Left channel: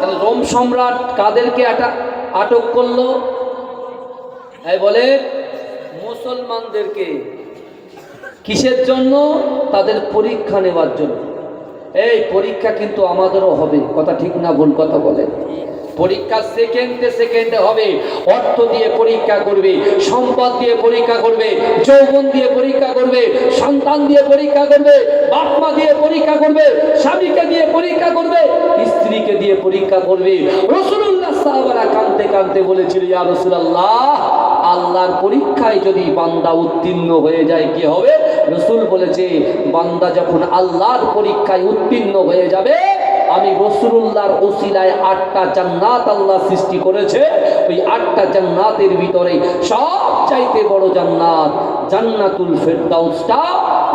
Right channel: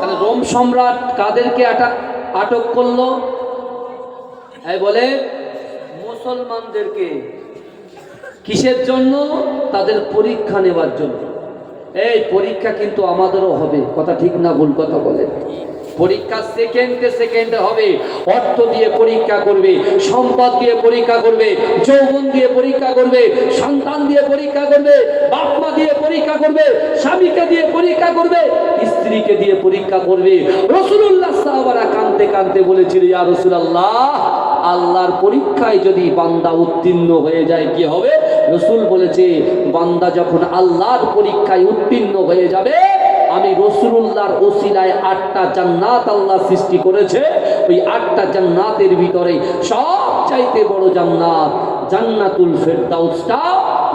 তাহলে রোম সম্রাট কাদেরকে আটা- আটক করল? এই বলে, মুসলমানদেরকে কিসের জন্য? তাদের পরীক্ষা নেবার জন্য। এই পরীক্ষা কিন্তু আমাদেরও হবে। কথা ঠিক না ভুল কথা বলে। পরীক্ষা সেকেন্ডে সেকেন্ডে হবে। অর্থ দিয়ে পরীক্ষা করবে, সম্পদ দিয়ে পরীক্ষা করবে, যৌবন দিয়ে পরীক্ষা করবে, সন্তান দিয়ে পরীক্ষা করবে বাপ মা দিয়ে পরীক্ষা করবে, স্বামীকে দিয়ে পরীক্ষা করবে, স্ত্রীকে দিয়ে পরীক্ষা করবে। রসুল্লাহ সাহাবারা কানতে কানতে বলেছিল, ইয়া রসুলাল্লাহ, আল্লাহর পরীক্ষায় যদি বান্দা উত্তীর্ণ হয়ে যায়, কি হবে? রসুল বলেছে, বান্দা যখন আল্লাহর পরীক্ষায় উত্তীর্ণ হয়ে যাবে, আমি রসুল্লাহর ওসিলায় আটটা জান্নাত আল্লাহ সৃষ্টি করেছে, ওই আটটা জান্নাতের ভিতরে সব চাইতে বড় জান্নাত জান্নাতুল ফেরদাউসটা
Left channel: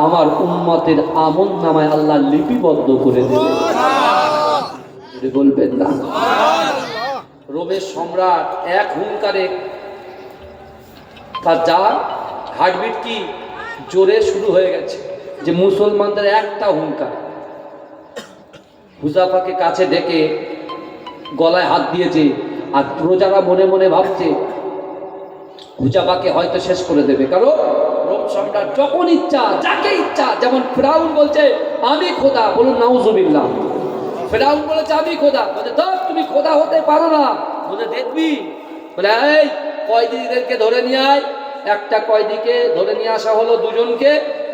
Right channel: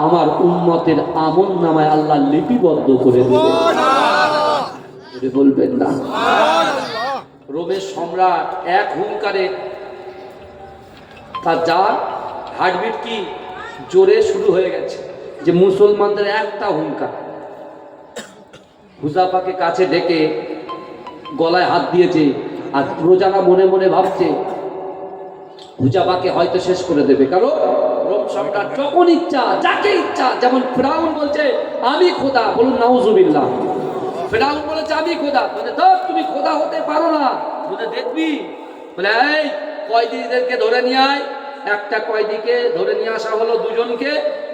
আমার উম্মতের আমন নামায় আল্লাহ লিপিবদ্ধ করে দেবে। বলবেন না। রোমের সম্রাট এক হুঙ্কারে তার যা হার্টবিট কি? জোরে শুরু হয়ে গেছে যে মুসলমানদের একটা হুঙ্কার। হুজাফাকে কাছে ডেকে গলায় হাত দিয়েছে আর প্রজারা মনে মনে ভাবছে হুজাফাকে হয়তো শেষ করে দেবে। কারণ রোম সম্রাট যখন ইচ্ছা, যাকে ইচ্ছা, যেমন ফেরাউন বলছে, আমি খোদা। বলুন, নাউজুবিল্লাহ। ফেরাউন বলেছে, আমি খোদা। বলে তো তুমি খোদা হতে পারো না। বলে, দেখবি। বলে, এই কয়দিদেরকে ধরে নিয়ে আয়। একটা কয়দিকে ধরে নিয়ে আসা হলো দুজনকে,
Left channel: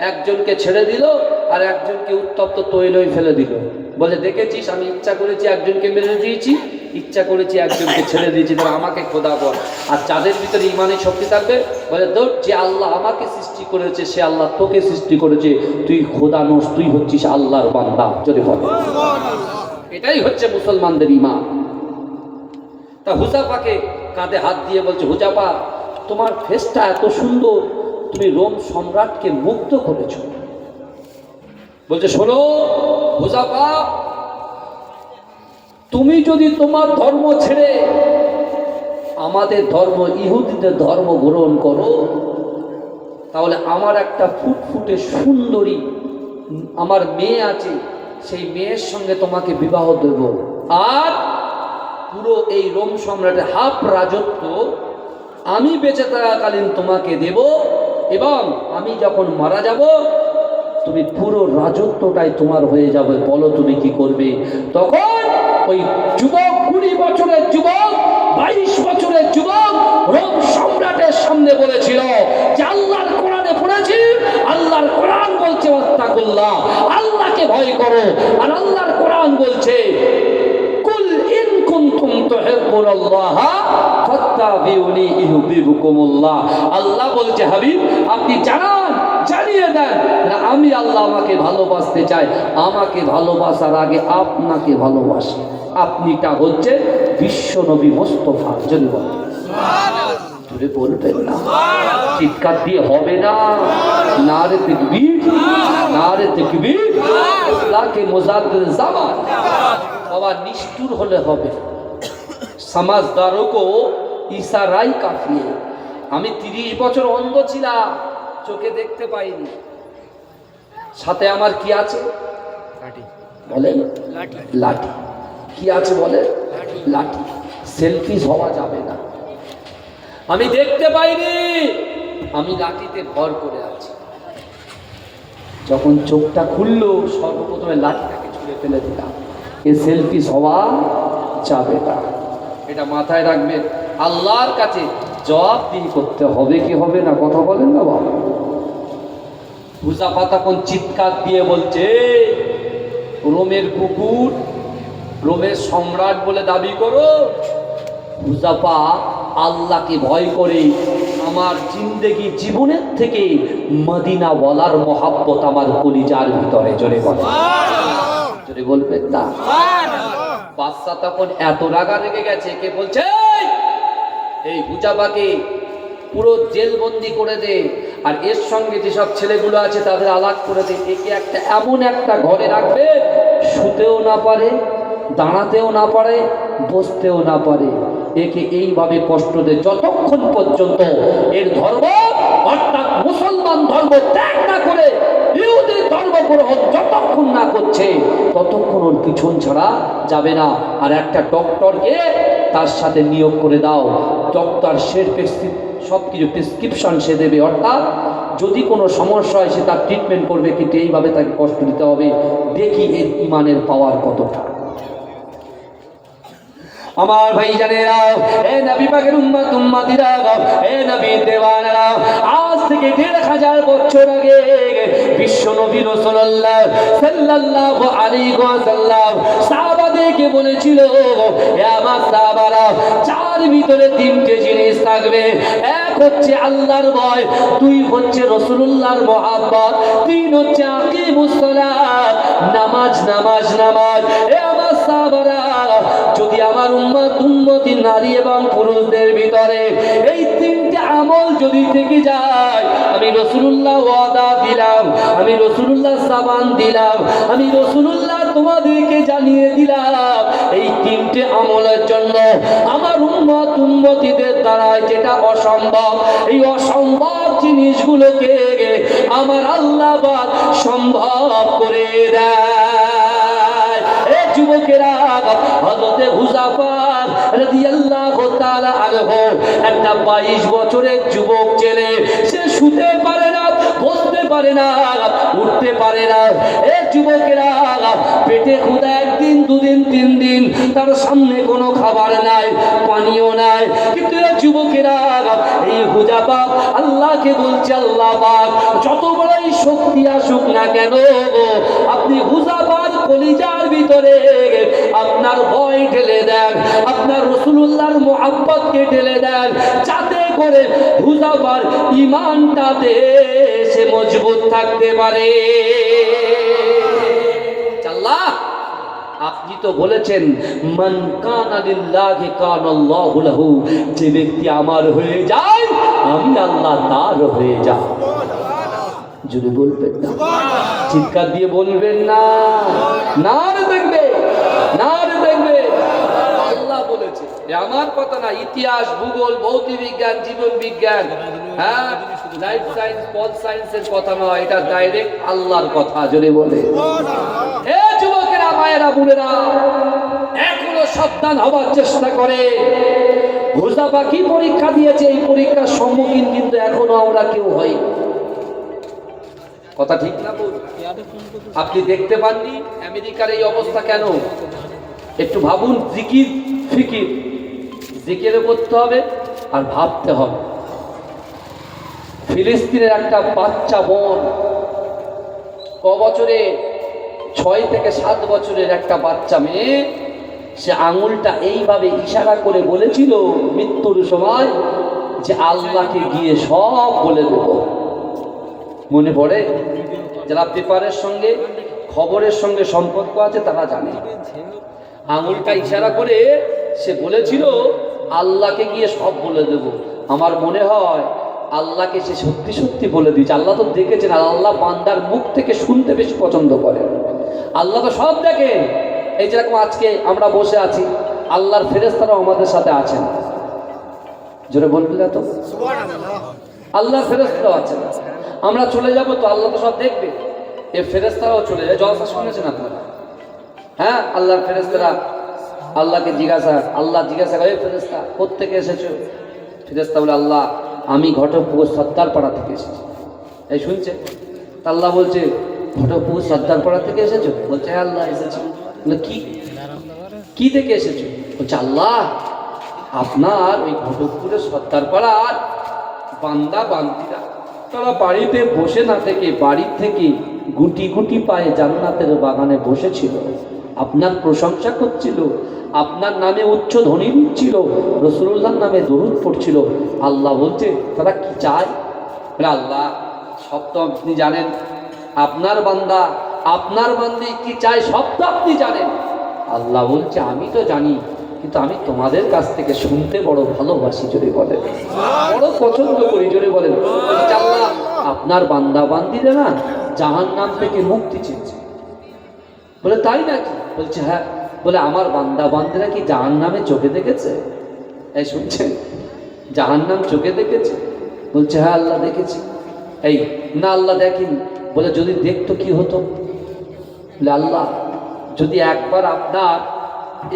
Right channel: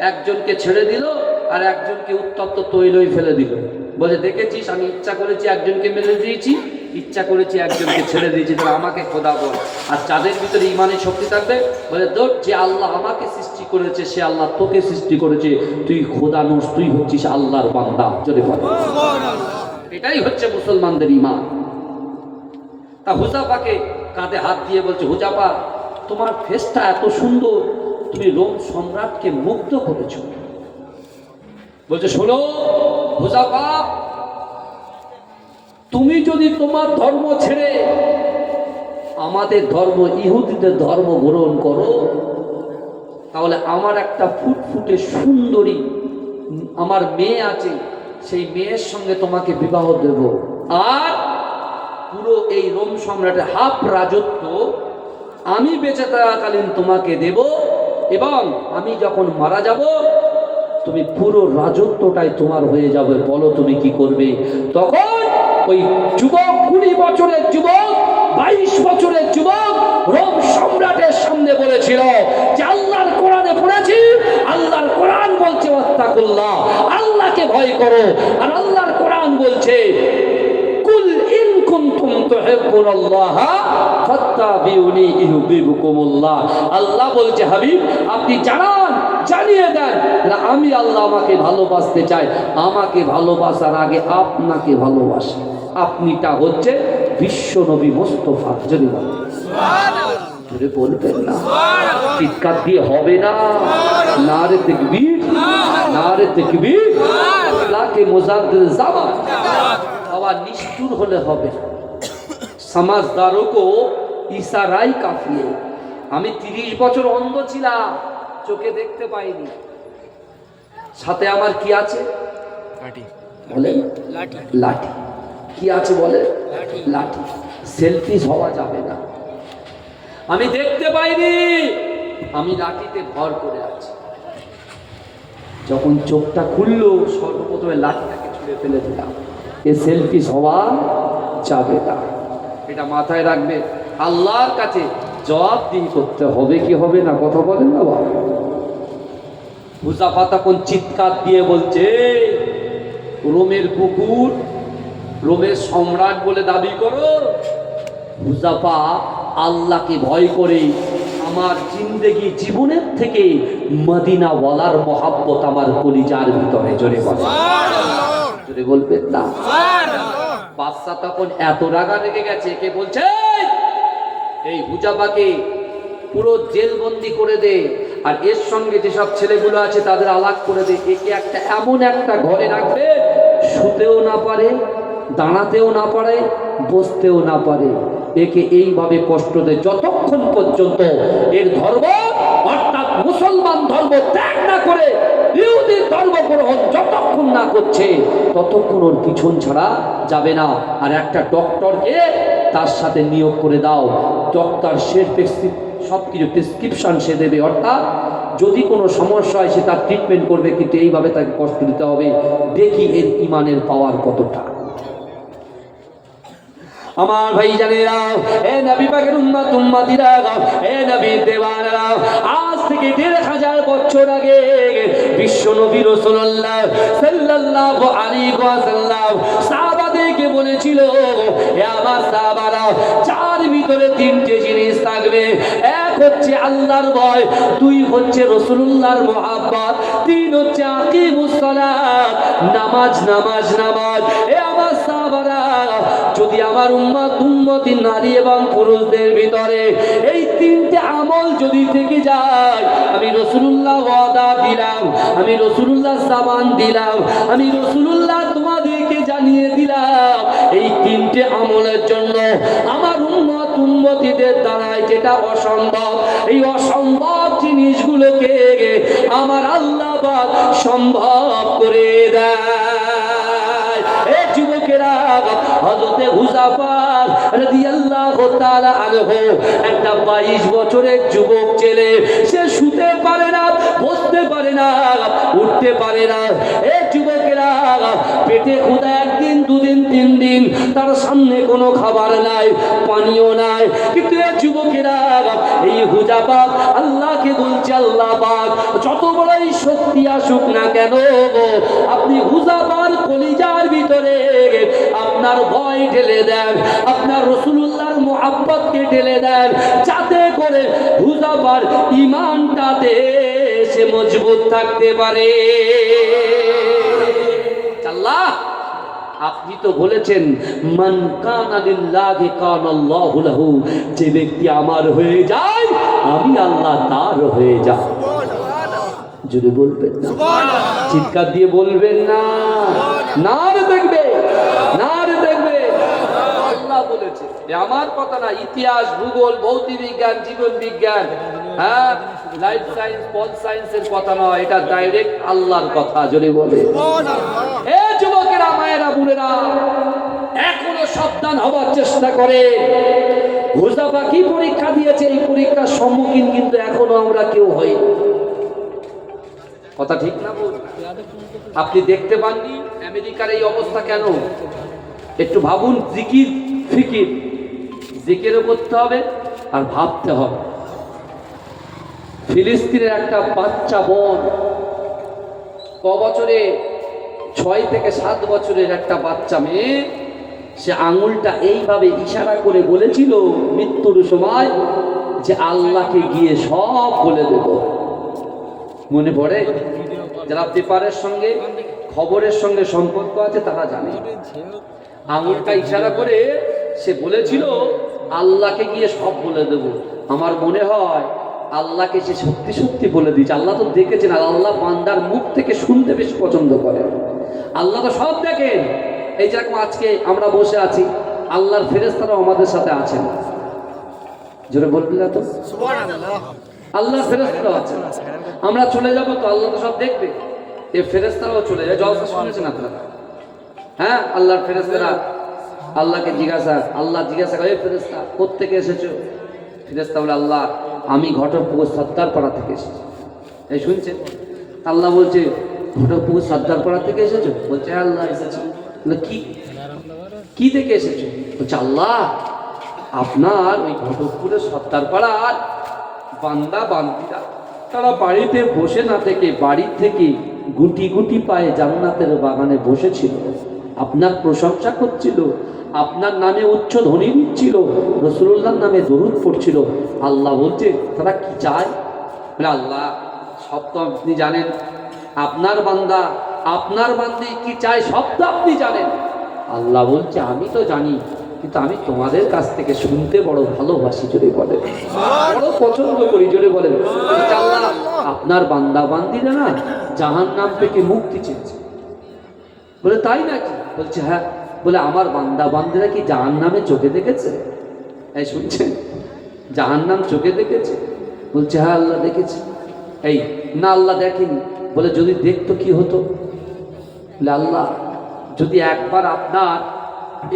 একজনকে ছেড়ে দিল আর একজনকে উত্তপ্ত তৈলই ফেলে দিল। বলে, দেখেছিস, আমি ইচ্ছা করেছি একজনকে মেরে দিয়েছি, ইচ্ছা করেছি একজনকে ছেড়ে দিয়েছি, তোরা আমাকে খোদা বল আর যাদের ভিতরে ইমানের শক্তি থাকবে, বলে তোর যে আল্লাহ আমাকে সৃষ্টি করেছে, সে আল্লাহ তোকে সৃষ্টি করেছে, তুই খোদা নোস, তুই হচ্ছিস আল্লাহর বান্দা। যদি বলে। এটাই হচ্ছে মুসলমানদের ইমান। তা হুজাফাকে কাঁধে হাত দিয়ে বলছে, হুজাফা তোমার ফেসটা এত সুন্দর, তুমি রোম সম্রাটকে মুগ্ধ করেছ। বলছে, শোনো হুজাফা তুমি যদি তোমার ধর্ম ছেড়ে আমাদের ধর্ম, ইহুদিদের ধর্ম গ্রহণ করো, তাহলে আমার একটা ফুটফুটে সুন্দরী আমার মেয়ে আছে, সেই মেয়ের সঙ্গে তোমাকে বিবাহ দেব। আর পুরো এই রোম সম্রাটের হাফ রাজত্ব আমি বেঁচে থাকাকালীন তোমাকে দেব এবং আমি যখন মারা যাব, তুমি পুরো রাজত্বটাই তোমার হয়ে যাবে। বলো তুমি কি করবে? তখন ওই যুবক কুড়ি বছরের যুবক, বাইশ বছরের যুবক রোম সম্রাটের সামনে বলেছিল, যে আল্লাহর কোরআনে পড়েছি, আল্লাহর কোরআন বলছে, ওয়াত্তাকুল্লাহ, আল্লাহকে ভয় করো। আর আল্লাহর কোরআন বলছে, কুল ইন কুনতুম তুহিব্বুনাল্লাহ ফাত্তাবিউনি আল্লাহ বলছে হাবিব আপনি জানান জানিয়ে দেন। আমি আল্লাহ আমাকে ভালোবাসতে চাই। আমাকে ভালোবাসার আগে আপনাকে ভালোবাসি। আপনিটা হচ্ছে বিশ্ব নবী মোস্তফা যদি বলেন। জোরে বলবেন না। চিৎকার দিয়ে হবে না। নারে তকবীর। নারে তকবীর। আল্লাহকে মুজাদ্দিদ জামান বাবা নিষ্ঠুর হলে হবে না। সমাজদারও কো ইশারাই কাফি আমি তিরিশ বছর অন্ধ ছিলাম চোখে দেখতে পাইনি। সাথে আমার কি আছে? বলেন? লাঠি। কি আছে বলে লাঠি। সেলফিস হওয়া যাবে না। আমি দেখতে পাইনি আমি লাঠিতে ভর করে আছি। যখন চোখটা খুললো সর্বপ্রথমে লাঠিটাকে ছুঁড়ে ফেলে দিলাম। এ সেলফি হওয়া যাবে না। এটা মাথায় রাখবে আল্লাহর কাছে জবাবদিহি করতে হবে কি হবে না কথা বলেন না বাবা। তখন চিৎকার দিয়ে বলছে রোমের কুকুর রোমের সম্রাট বলে দাবি করো আল্লাহকে ভয় করে আমার জিন্দেগি জীবনের থেকে মদিনা বলার মহাব্বত আমার কলিজার ভিতরে জোরে বলে জোরে বলবেন না? বাদশা তখন এত রাগা রেগে গেছে, কে বলছে, এই হুজাবাকে পুরো জেলবন্দি করে দে, আর এর সঙ্গে যেসব ছেলেগুলো আছে তাদের আলাগ করে দে, একে একটা এমন একটা ঘরে রাখবে, শুতেও না পারে, দাঁড়াতেও না পারে, বসতেও না পারে। একে এইভাবে কষ্ট দে, যতক্ষণ পর্যন্ত এর ধর্ম অর্থাৎ মুসলমান ধর্ম ত্যাগ না করে ইহুদি ধর্ম গ্রহণ যতক্ষণ না করছে, ততক্ষণ ওর পিছন ছাড়া যাবে না। আর একটা ডক্টরকে তার সাথে নিয়োগ করে দাও। ডক্টর সে সব কিছু প্রেসক্রিপশন সে দেবে। অর্থাৎ যদি কোনো সমস্যা হয়, সে তার ট্রিটমেন্ট করবে, কিন্তু এইভাবে তাকে কষ্ট দিতে হবে। দেখি এর ইমানের পাওয়ার কতটা। আমার ভাই জানেরা এ নবী পাকের উম্মত, উম্মতিরা, এ নবী দেওয়ানেরা থেকে দেড় হাজার বছর আগে বিশ্ব নবী রাসূলুল্লাহ সাল্লাল্লাহু আলাইহি ওয়াসাল্লাম সাহাবাদেরকে বলেছিল আমার সাহাবারা, চার ভিতরে তিনটে জিনিস থাকবে। এক হচ্ছে আল্লাহর ভয়, দুই হচ্ছে রাসূলুল্লাহর মহাব্বত, তিন হচ্ছে নামাজ নামাজ নামাজ। এ আমার সাহাবারা, যদি আমার উম্মত উন্মতি নারী এবং পুরুষদের ভিতরে এই তিনটে আমল যদি থেকে যায় আমি রসুল্লাহ ওয়াদা দিলাম, আমি রসুল্লাহ সাবান দিলাম, আমি রসুল্লাহ তোমাদেরকে জানিয়ে দিলাম। এই তিনটে আমলের জন্য আমার উম্মত উন্মতিদের দ্বারায় যেটা অসম্ভব, এই অসম্ভব জিনিসগুলোকে আমার আল্লাহ সম্ভব করে দেয়। এ যুবকেরা, হযরতে হুযাফা রাদিয়াল্লাহু তাআলা আনহু, একটা 22 বছরের যুবক ছেলে, সে শুতে পারে না, বসতে পারে না, উঠতে পারে না। এ যুবকেরা পেটে ক্ষুধা একদিন, দুদিন, তিন দিন, তার সামনে কোনো খাবার নাই, পানীয় নাই। কিন্তু এ যুবকেরা এই হুজাফা আল্লাহকে বলছে, আল্লাহ পাক, যত বড়ই শক্তি আসুক না কেন, আপনি হুজাফার কলিজার ভিতরে আপনার ভয় ঢেলে দেন, আপনার রসুল্লাহর মোহাব্বতকে ঢেলে দেন, যাতে করে হুজাফার ইমানটাতে সে মজবুত থাকতে পারে। আল্লাহ আপনি তো বলেছেন, মান কানালিল্লাহি কানাল্লাহু লাহু যে ব্যক্তি আমার হয়ে যায়, আমি আল্লাহ তার হয়ে যাব। যদি বলবেন না। চিৎকার দিয়ে বলবেন না। না দেখবে না দেখবে। আল্লাহ বলেছে আমার কথা না, ইতিহাস, ভূগোল ভৌতিক বিজ্ঞান জীবন বিজ্ঞান হ্যাঁ লাইফ সায়েন্স পল সায়েন্সের কথা নয় এটা ডাইরেক্ট আল্লাহর কথা যদি বলে। এ যুবকেরা, মায়েরা, বোনেরা, এখনও সাবধান হবার চেষ্টা করে। হুজাফা কি পরীক্ষা দিয়েছে? এই পরীক্ষার সম্মুখীন কিন্তু এখনও আমরা কেউ হই কথা ঠিক? না? আপনি দেখতে পাননি আমেরিকার এই অবস্থা কেন? একটু ভাবুন, জিকির, ফিকির। জিকিরও করতে হবে আর ভাবতে হবে। ফিলিস্তিনের একটা বাচ্চা বোন ক বছরে? ছয় থেকে সাত বছরের একটা বাচ্চা মেয়ে, সে আঙুলটা এইভাবে ইশারা করে বলেছিল মৃত্যুর সময় যে আল্লাহকে গিয়ে সব বলে দেব। মনে পড়ে? যারা পেপারের সঙ্গে, খবরের সঙ্গে সম্পর্ক আছে, তারা জানে। আঙুলটা ইশারা করে সে বলেছিল, আল্লাহকে গিয়ে সব বলে দেব। আমার মনে হয়, আল্লাহকে সে সত্যি সত্যি বলে দিয়েছে। আল্লাহ তো দেখেছেন আল্লাহ বান্দার মুখ থেকে শুনতে বেশি পছন্দ করেন। আল্লাহ তো সব দেখেন। এই যেরকম আজকে আমরা বসে আছি, আল্লাহর ফেরেস্তারাও আমাদের সাথে আছেন। জোরে বলবি না তো? আল্লাহ ফেরেস্তারাও আছেন আমরা চলে যাব তো আল্লাহ তো সব দেখবে। এ ফেরেস্তারাও চলে যায়। জলসা শুনেছেন আপনারা? হ্যাঁ আল্লাহর ফেরেস্তারা আল্লাহকে জিজ্ঞাসা, আল্লাহ জিজ্ঞাসা করে ফেরেস্তা কোথেকে এসেছ? ফেরেস্তা বলে, আল্লাহ, আমি ঘটকপুকুর সত্তার পাড়া থেকে এসেছি। এই শুনছে আল্লাহ বলছে, ঘটকপুকুর সর্দার পাড়া থেকে এসেছ? বলছে হ্যাঁ আল্লাহ এসেছি। কি? কি থেকে এসেছ? বলছে, আল্লাহ, আপনার ওই ঘটকপুরের সর্দার পাড়ার বান্দা বান্দিরা। তারা বাড়িতে বসে না থেকে, বাড়ি থেকে গুটি গুটি পায়ে জান্নাতের বাগানে বসেছিল। আপনার প্রশংসা করছিল, আপনার নামে উচ্চ ধ্বনি দিচ্ছিল রসুল্লাহর নামে দরুদ পড়ছিল। আল্লাহ বলছে, তারা কি চায়? আল্লাহ, সব তো আপনি জানেন। আপনার বান্দা, আপনার বান্দি কি চায় সব তো আপনি জানেন। আল্লাহ বলছে, আমি তো জানি কিন্তু আমি তোমাদের কাছ থেকে শুনতে বড় ভালোবাসি, জোরে বলেন বড় পছন্দ করি, জোরে বলেন আল্লাহ আপনার বান্দা বান্দিরা না জাহান নাম থেকে মুক্তি চেয়েছে। বলে, তাই নাকি? বলছে হ্যাঁ। বলে, আমার বান্দা বান্দিরা কি জাহান নামে চোখে দেখেছে? এই শুনছেন? জাহান নাম চোখে দেখেছে? বলছে হ্যাঁ আল্লাহ দেখেছি। এই, না, আল্লাহ দেখেনি। বলে, যদি দেখতো কি হতো? বলে, আল্লাহ, যদি একবার আপনার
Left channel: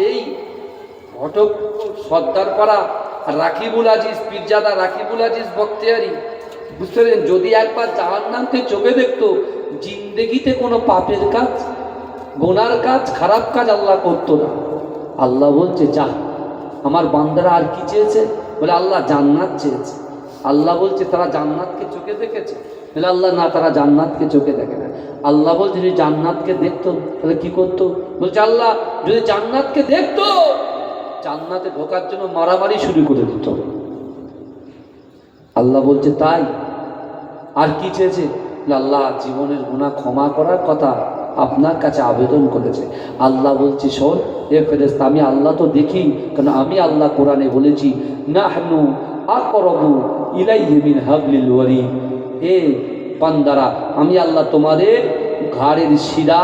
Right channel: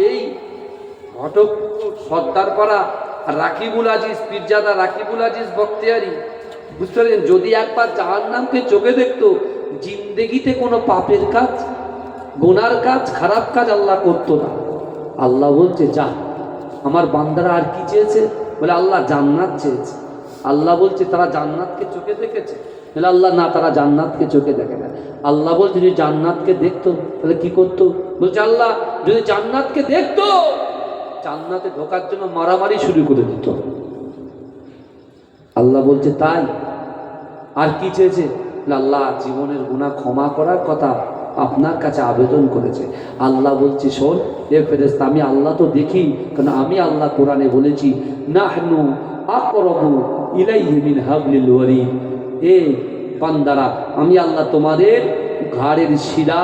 এই ঘটক সর্দারপাড়া রাকিবুল আজিজ, পীরজাদা রাকিবুল আজিজ বক্তিয়ারি বুঝতে পারলেন যদি একবার জাহান্নামকে চোখে দেখতো, জিন্দেগিতে কোনো পাপের কাজ, গোনার কাজ, খারাপ কাজ আল্লাহ করতো না। আল্লাহ বলছে, যা, আমার বান্দারা আর কি চেয়েছে? বলে, আল্লাহ জান্নাত চেয়েছে। আল্লাহ বলছে, তারা জান্নাতকে চোখে দেখেছে? বলে, আল্লাহ না, তারা জান্নাতকে চোখে দেখে না। আল্লাহ বলছে, যদি জান্নাতকে দেখতো, তাহলে কি করতো? বলছে, আল্লাহ, যদি জান্নাতকে দেখতো জান্নাতে ঢোকার জন্য মারামারি শুরু করে দিত। আল্লাহ বলছে, তাই? আর কি চেয়েছে? আল্লাহ জীবনের গুণা ক্ষমা করার কথা আপনার কাছে আবেদন করেছে। আল্লাহ বলছে, শোন এ ফেরেস্তা আমি আল্লাহ তো দেখি, কারণ আমি আল্লাহ কোরআনে বলেছি, নাহনু আকরবু ইলাইহি মিন হাবলিল ওয়ারি এ পান্দারা আমি আল্লাহ তোমাদের ঘাড়ের শিরা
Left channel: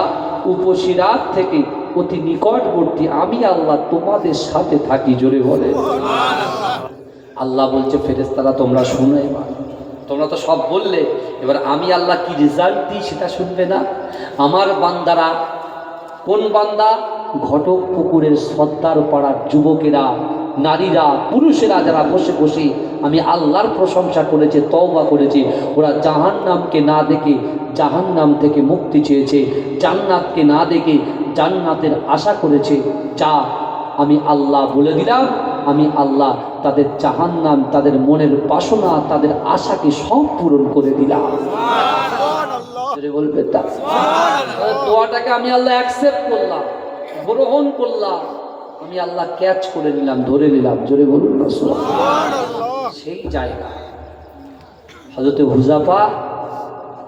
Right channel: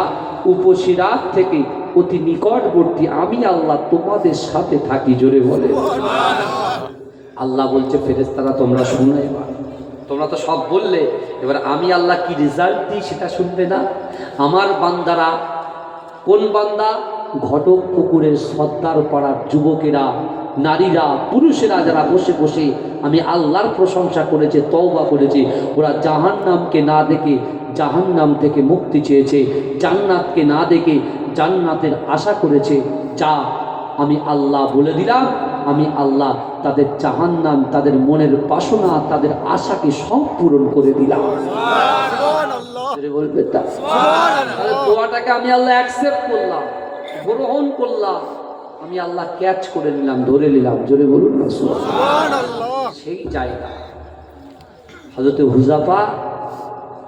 উপশিরার থেকে অতি নিকটবর্তী, আমি আল্লাহ তোমাদের সাথে থাকি, জোরে বলে। আল্লাহ বলছে ফেরেস্তারা তোমরা শুনো এবার। তোমরা তো সব বললে, এবার আমি আল্লাহ কি রেজাল্ট দিই সেটা শুনবে না? আমার বান্দারা, কোন বান্দা? ঘটক পুকুরের সর্দার পাড়ার যুবকেরা, নারীরা, পুরুষেরা যারা বসে বসে আমি আল্লাহর প্রশংসা করেছে, তওবা করেছে। ওরা জাহান্নামকে না দেখে জাহান্নাম থেকে মুক্তি চেয়েছে। জান্নাতকে না দেখে জান্নাতের আশা করেছে। যা আমি আল্লাহ বলে দিলাম, আমি আল্লাহ তাদের জাহান্নাম, তাদের মনের বাসনা, তাদের আশাকে সব পূরণ করে দিলাম। আমি আল্লাহ অ্যাকসেপ্ট করলাম, গ্রহণ করলাম। আমি আল্লাহ ক্যাচ করে নিলাম, ধরে নিলাম। জোরে বলুন। সেই জায়গা হজরতে হুজাফা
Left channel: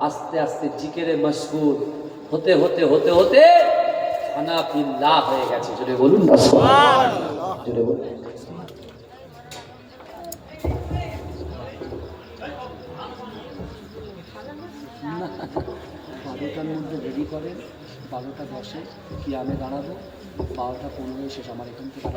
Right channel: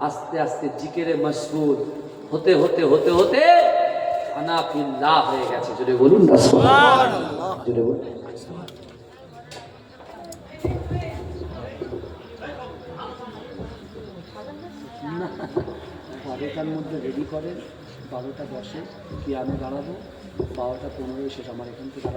আস্তে আস্তে জিকেরে মশগুল হতে হতে হতে হতে হানাফিল্লাহ হয়ে গেছে জোরে বলুন না জোরে বলুন বারোটার মধ্যে রেডি করেন বারোটা দশে কি আমি দাঁড়াবো বারোটা পনেরোয় শেষ আমার এখান থেকে আর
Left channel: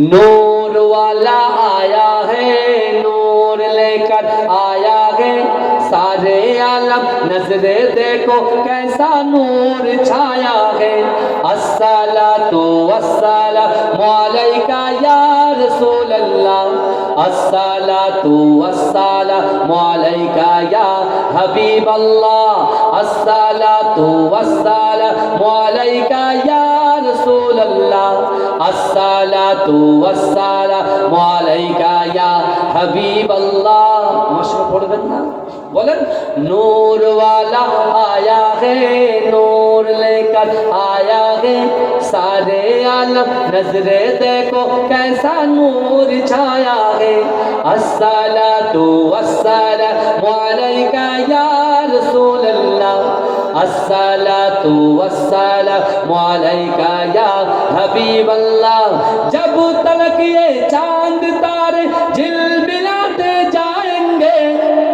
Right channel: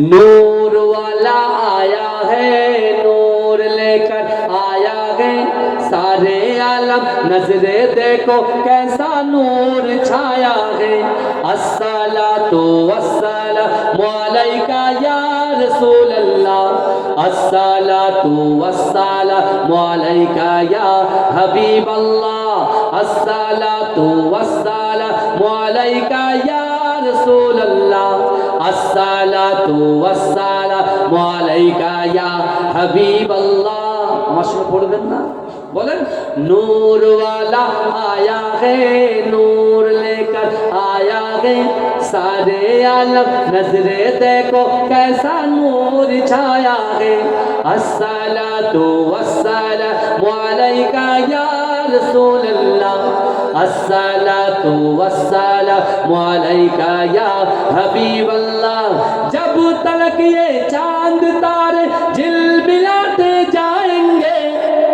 नूर वाला आया है नूर लेकर आया है सारे आलम नजरे देखो कैसा नूर छाया है अस्सला तो अस्सला वालेका या रसूल अल्लाह अस्सला तो अस्सला वालेका या हबीब अल्लाह अस्सला तो अस्सला वालेका या रसूल अल्लाह আসসালাতু ওয়াসসালামু আলাইকা ইয়া হাবিবাল্লাহ মশলা পড়বেন না বলেন নূর वाला आया है नूर लेकर आया है सारे आलम नजरे देखो कैसा नूर छाया है अस्सलातु वस्सलामु अलैका या رسول الله الصلاة والسلام عليك يا حبيب الله جب تلک یہ چاند تارے جل ملاتے جائیں گے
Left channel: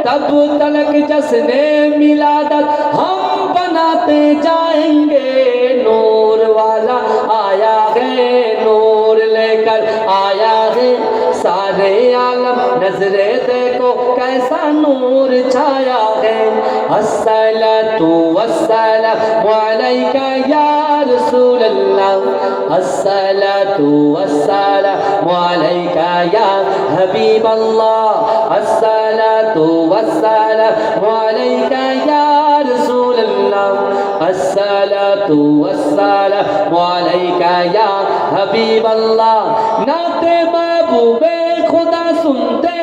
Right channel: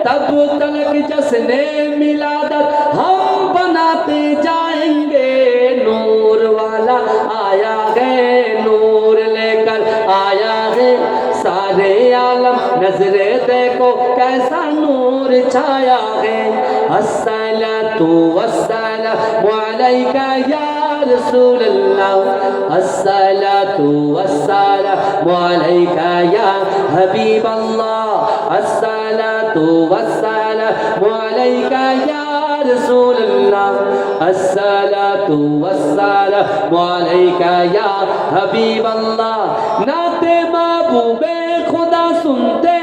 تب تلک جس نے ملادت ہاں الصلاة والسلام عليك يا رسول الله الصلاة والسلام عليك يا حبيب الله الصلاة والسلام عليك يا رسول الله الصلاة والسلام عليك يا حبيب الله نعت محبوب خدا سنتے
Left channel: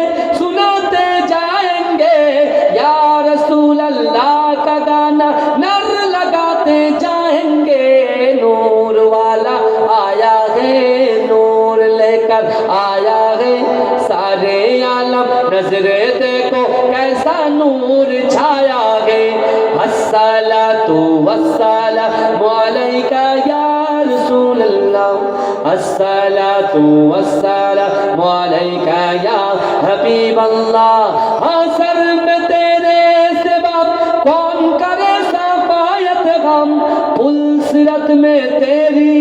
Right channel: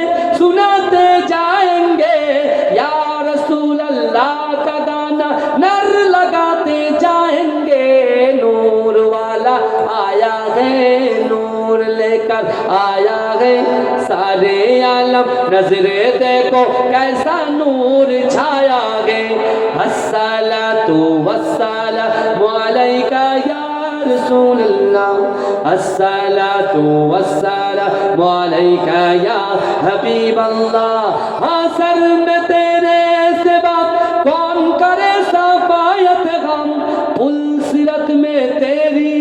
کا یا حبیب اللہ حاصل میں تیرے سوا کون کرے صفایت غم پل سرت میں تیری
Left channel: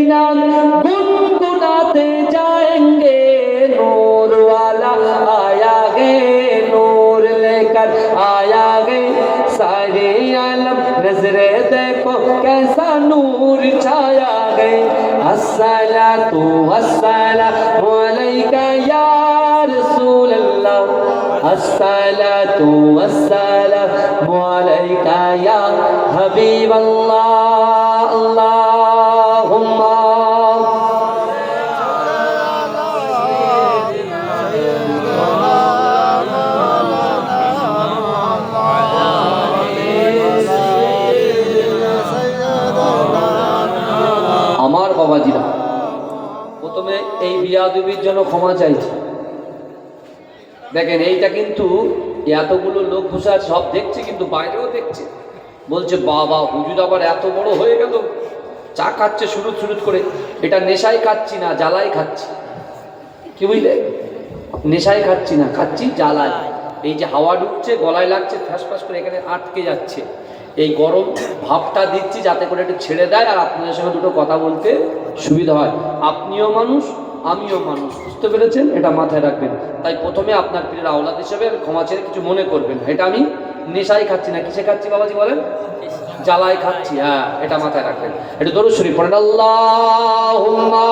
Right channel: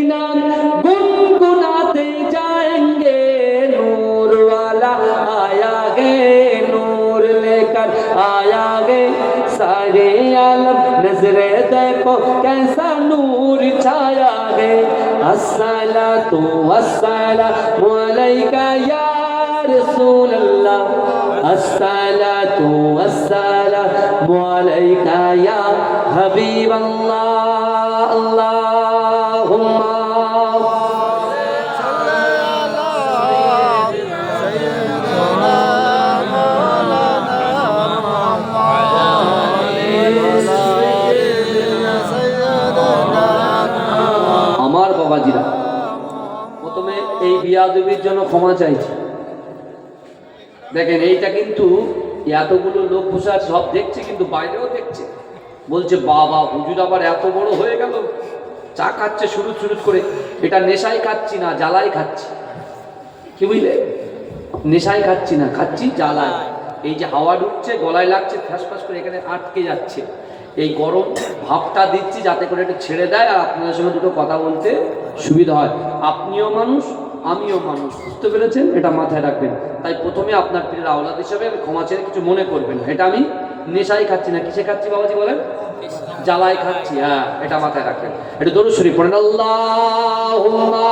والسلام عليك يا حبيب الله. اللهم আমার বাবাজিরা, প্রথমে এই বিয়াদুবির জন্য ক্ষমা চাইছে। দেখেন, এইটা কিন্তু এতগুলো লোক বসে সব দেখছে, কিন্তু বাইরেও দেখছে। বলছে, বাবা, হুজুর আবার এত বড় হয়ে গেল। চা খাচ্ছে শুরুত শুরুত করে। এটা নেশায় খাচ্ছি না, জ্বালাই খাচ্ছি। কি বুঝলে? নেশায় খাচ্ছি না, খাচ্ছি জ্বালায় এই যে হাওয়া ঢুকছে, গলায় লাগছে ফ্যাস ফ্যাস করে এখানে আটকে যাচ্ছে। এই গরম ভাবটা দিচ্ছি যাতে করে একটু ছেড়ে দেয়, আর আপনাদের সঙ্গে দুটো কথা বলতে সুবিধা হয়। আপনিও মানুষ আমিও মানুষ, বুঝতে পেরেছেন? এটা মাথায় রাখবেন। তাই প্রথমে আপনার পীরের আওলাদ হিসেবে ক্ষমা ছেড়ে কিছু মনে করবেন এটা আমি নেশাই খাচ্ছি না, কিসে খাচ্ছি বাবাজি বলেন? জ্বালায় খাচ্ছি হ্যাঁ এটা মাথায় রাখবেন। এটা দরুদ শরীফ পড়েন, আল্লাহুম্মা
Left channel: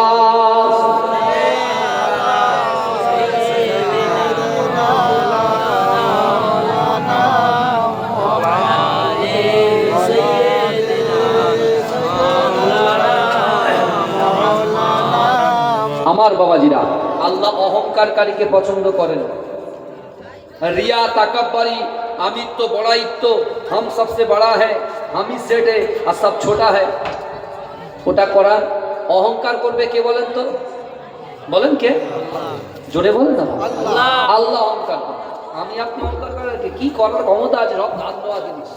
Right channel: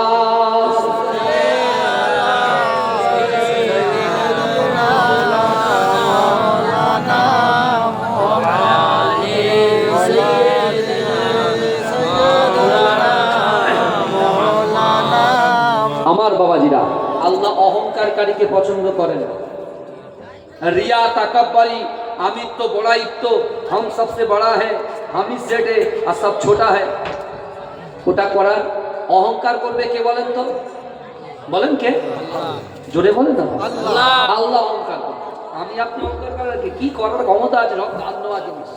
বাবাজিরা আল্লাহ অহংকারকারীকে পছন্দ করেন। রিয়া তাকাব্বারি আমিত্ব বড়াইত্ব হাম সবসে বড়া হ্যাঁ হামি সেট है আর সব ছোটা है ওটা করার অহংকার করবে কে বলেন তো? বলেন কে? জোরে বলেন না আল্লাহ। অহংকার করবে। আমি আপনি অহংকার করার কি? কি করার? ক্ষমতা আছে সব ধার নেওয়া জিনিস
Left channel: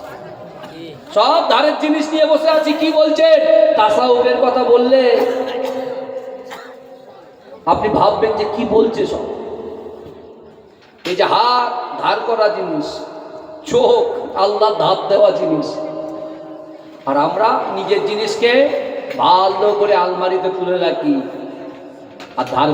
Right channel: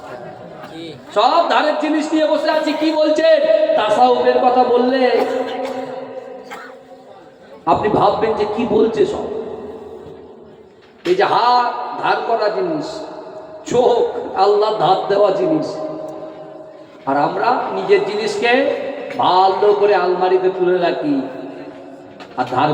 সব ধারের জিনিস নিয়ে বসে আছি কি বলছেন? তাসাউফের কথা বললে। আপনি ভাববেন যে কি বলছে সব? এই যে হাত ধার করা জিনিস, চোখ আল্লাহ ধার দেওয়া জিনিস। আর আমরা নিজের জিনিসকে ভালো করে আলমারিতে তুলে রাখি। আর ধার